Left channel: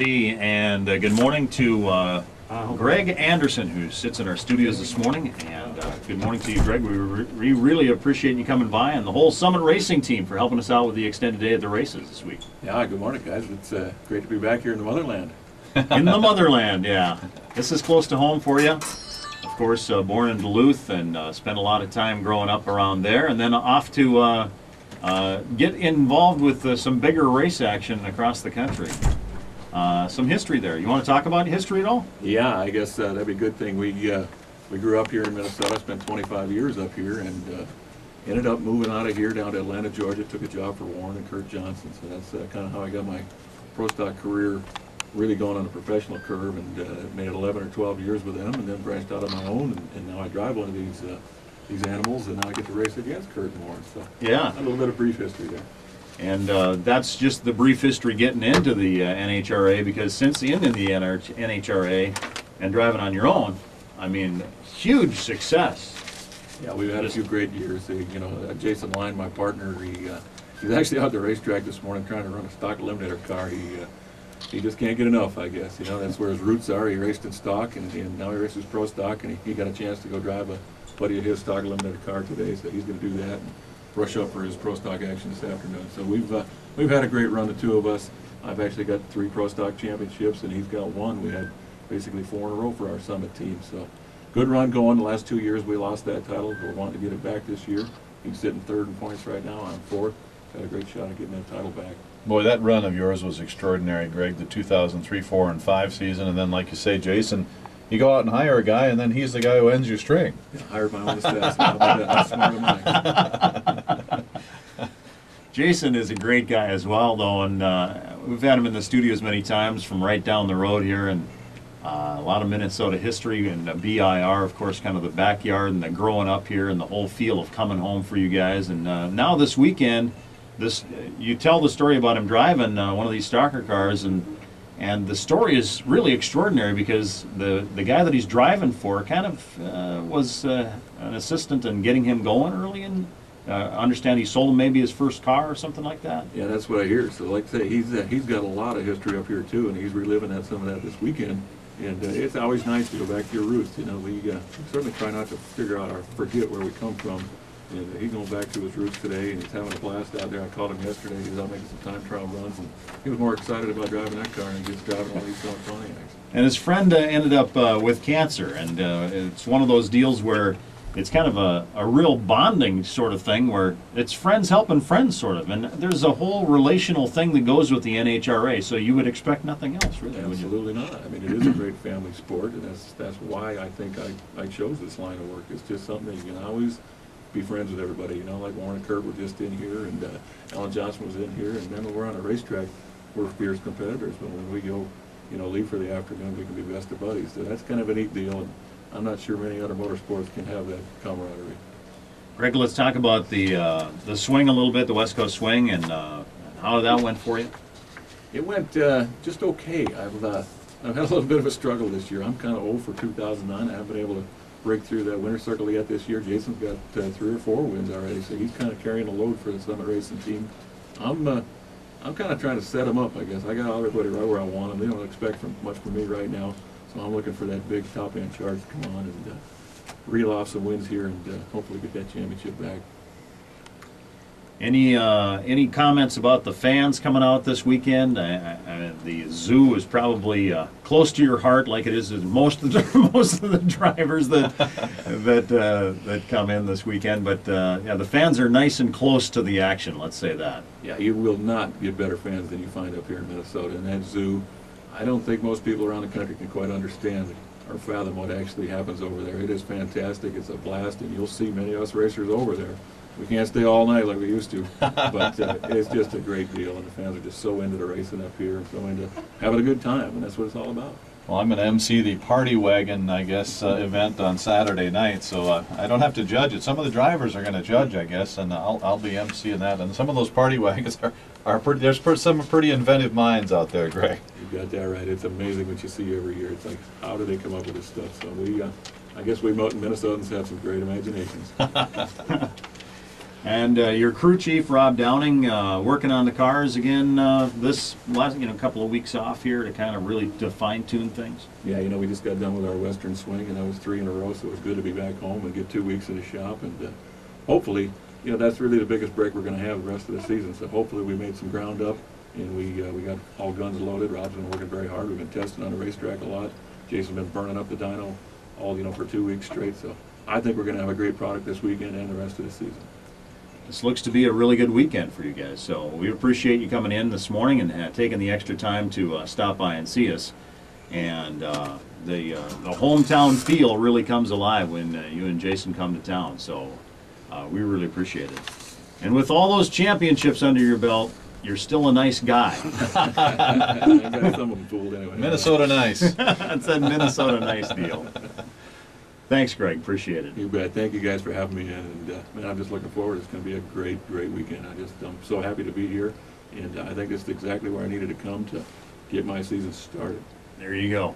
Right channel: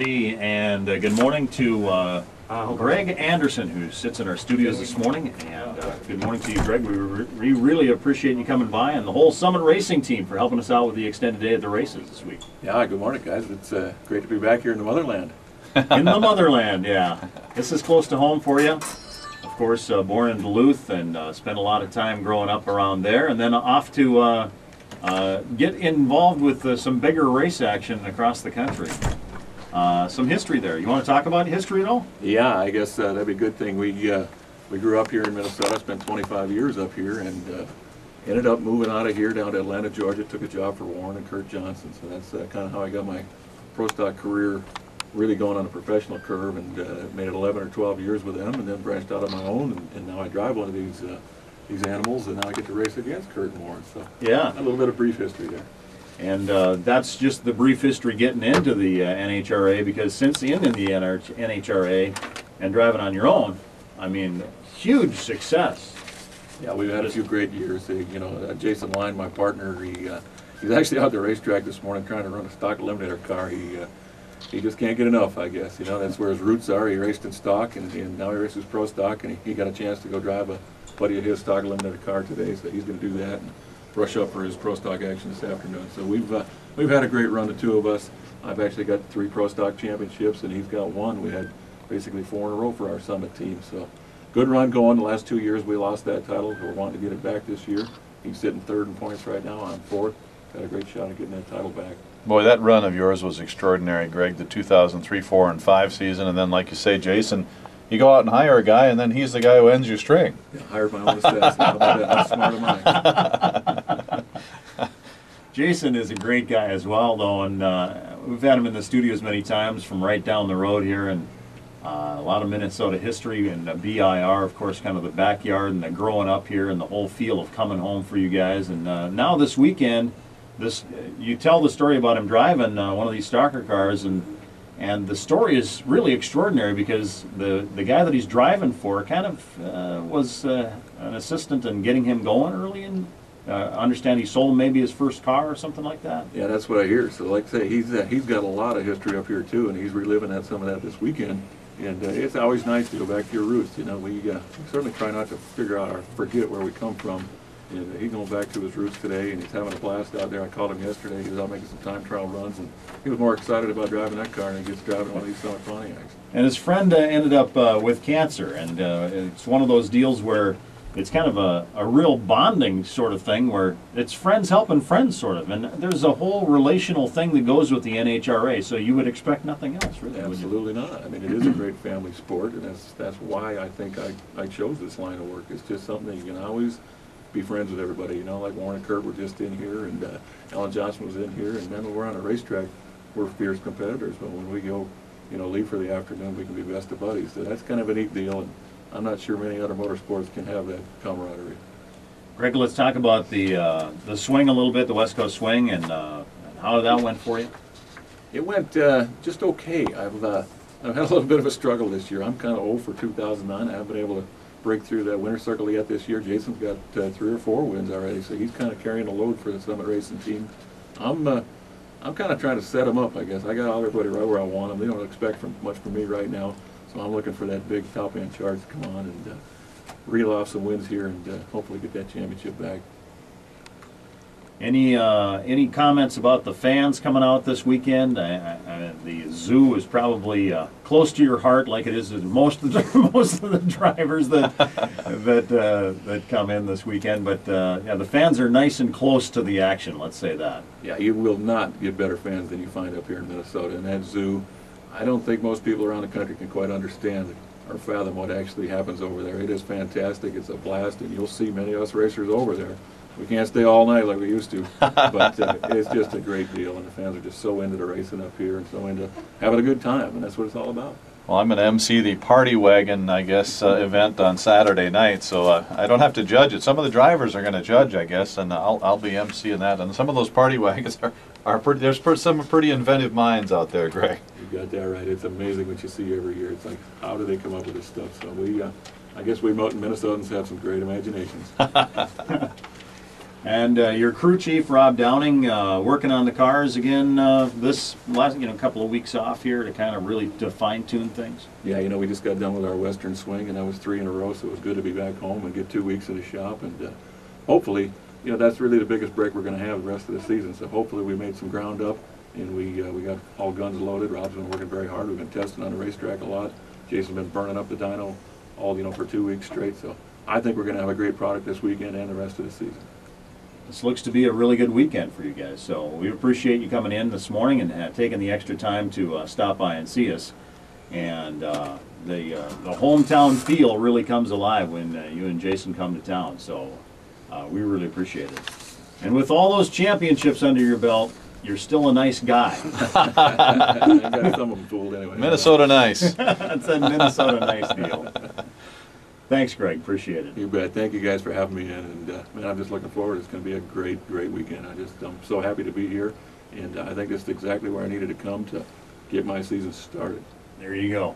And good morning to Greg Anderson, who sits in our studios this morning. And good morning to you, Greg. We really appreciate you coming by, and the whole Summit Racing team for helping us out with the extended day at the races this week. Yeah, good morning, guys. It's great to be back here in the motherland. In the motherland, yeah. This is close to home for you. Of course, born in Duluth and spent a lot of time growing up around there, and then off to get involved with some bigger race action across the country. Some history there. You want to talk about history at all? Yeah, I guess that'd be a good thing. We grew up here in Minnesota, spent 25 years up here, and ended up moving out of here down to Atlanta, Georgia. Took a job for Warren and Kurt Johnson, so that's kind of how I got my pro stock career really going on a professional curve, and made it 11 or 12 years with them, and then branched out on my own, and now I drive one of these animals, and now I get to race against Kurt and Warren. So yeah, a little bit of brief history there. And that's just the brief history getting into the NHRA, because since in the NHRA and driving on your own, I mean, huge success. Yeah, we've had a few great years. Jason Line, my partner, he's actually out at the racetrack this morning trying to run a stock eliminator car. He just can't get enough, I guess. That's where his roots are. He raced in stock, and now he races pro stock, and he got a chance to go drive a buddy of his stock eliminator car today, so he's going to do that and brush up for his pro stock action this afternoon. So we've had a great run, the two of us. I've actually got 3 pro stock championships, and he's got 1. We had basically 4 in a row for our Summit team. So good run going. The last 2 years we lost that title. We're wanting to get it back this year. He's sitting 3rd in points right now. I'm 4th. Got a great shot at getting that title back. Boy, that run of yours was extraordinary, Greg. The 2003, 4, and 5 season, and then, like you say, Jason, you go out and hire a guy, and then he's the guy who ends your string. Yeah, hired my own assassin. How about that? How smart am I? Jason is a great guy as well, though, and we've had him in the studios many times from right down the road here, and a lot of Minnesota history, and BIR, of course, kind of the backyard and the growing up here and the whole feel of coming home for you guys. And now this weekend, you tell the story about him driving one of these stalker cars, and the story is really extraordinary, because the guy that he's driving for kind of was an assistant in getting him going early, and understand he sold him maybe his first car or something like that. Yeah, that's what I hear. So like I say, he's got a lot of history up here too, and he's reliving some of that this weekend. And it's always nice to go back to your roots. We certainly try not to figure out or forget where we come from. And he's going back to his roots today, and he's having a blast out there. I called him yesterday. He was out making some time trial runs, and he was more excited about driving that car than he gets driving one of these Summit Pontiacs. And his friend ended up with cancer, and it's one of those deals where it's kind of a real bonding sort of thing, where it's friends helping friends sort of, and there's a whole relational thing that goes with the NHRA, so you would expect nothing else, really, would you? Absolutely not. I mean, it is a great family sport, and that's why I think I chose this line of work. It's just something that you can always be friends with everybody, like Warren and Kurt were just in here, and Alan Johnson was in here, and then when we're on a racetrack, we're fierce competitors, but when we go, leave for the afternoon, we can be best of buddies. So that's kind of a neat deal, and I'm not sure many other motorsports can have that camaraderie. Greg, let's talk about the swing a little bit, the West Coast swing, and how that went for you. It went just okay. I've had a little bit of a struggle this year. I'm kind of old for 2009. I haven't been able to break through that winner's circle yet this year. Jason's got 3 or 4 wins already, so he's kind of carrying the load for the Summit Racing team. I'm kind of trying to set him up, I guess. I got everybody right where I want them. They don't expect much from me right now, so I'm looking for that big top-end charge to come on and reel off some wins here and hopefully get that championship back. Any comments about the fans coming out this weekend? The zoo is probably close to your heart, like it is to most of the drivers that come in this weekend. But yeah, the fans are nice and close to the action. Let's say that. Yeah, you will not get better fans than you find up here in Minnesota. And that zoo, I don't think most people around the country can quite understand or fathom what actually happens over there. It is fantastic. It's a blast, and you'll see many of us racers over there. We can't stay all night like we used to, but it's just a great deal, and the fans are just so into the racing up here and so into having a good time, and that's what it's all about. Well, I'm going to MC the Party Wagon, I guess, event on Saturday night, so I don't have to judge it. Some of the drivers are going to judge, I guess, and I'll be MCing that. And some of those party wagons are pretty. There's some pretty inventive minds out there, Greg. You got that right. It's amazing what you see every year. It's like, how do they come up with this stuff? So I guess we Minnesotans have some great imaginations. And your crew chief, Rob Downing, working on the cars again this last, couple of weeks off here to kind of really to fine-tune things. Yeah, we just got done with our Western swing, and that was 3 in a row, so it was good to be back home and get 2 weeks in the shop. And hopefully, that's really the biggest break we're going to have the rest of the season. So hopefully we made some ground up, and we got all guns loaded. Rob's been working very hard. We've been testing on the racetrack a lot. Jason's been burning up the dyno all, for 2 weeks straight. So I think we're going to have a great product this weekend and the rest of the season. This looks to be a really good weekend for you guys, so we appreciate you coming in this morning and taking the extra time to stop by and see us. And the hometown feel really comes alive when you and Jason come to town, so we really appreciate it. And with all those championships under your belt, you're still a nice guy. I got some of them fooled anyway. Minnesota nice. That's a Minnesota nice deal. Thanks, Greg. Appreciate it. You bet. Thank you guys for having me in, and man, I'm just looking forward. It's going to be a great weekend. I'm so happy to be here, and I think it's exactly where I needed to come to get my season started. There you go.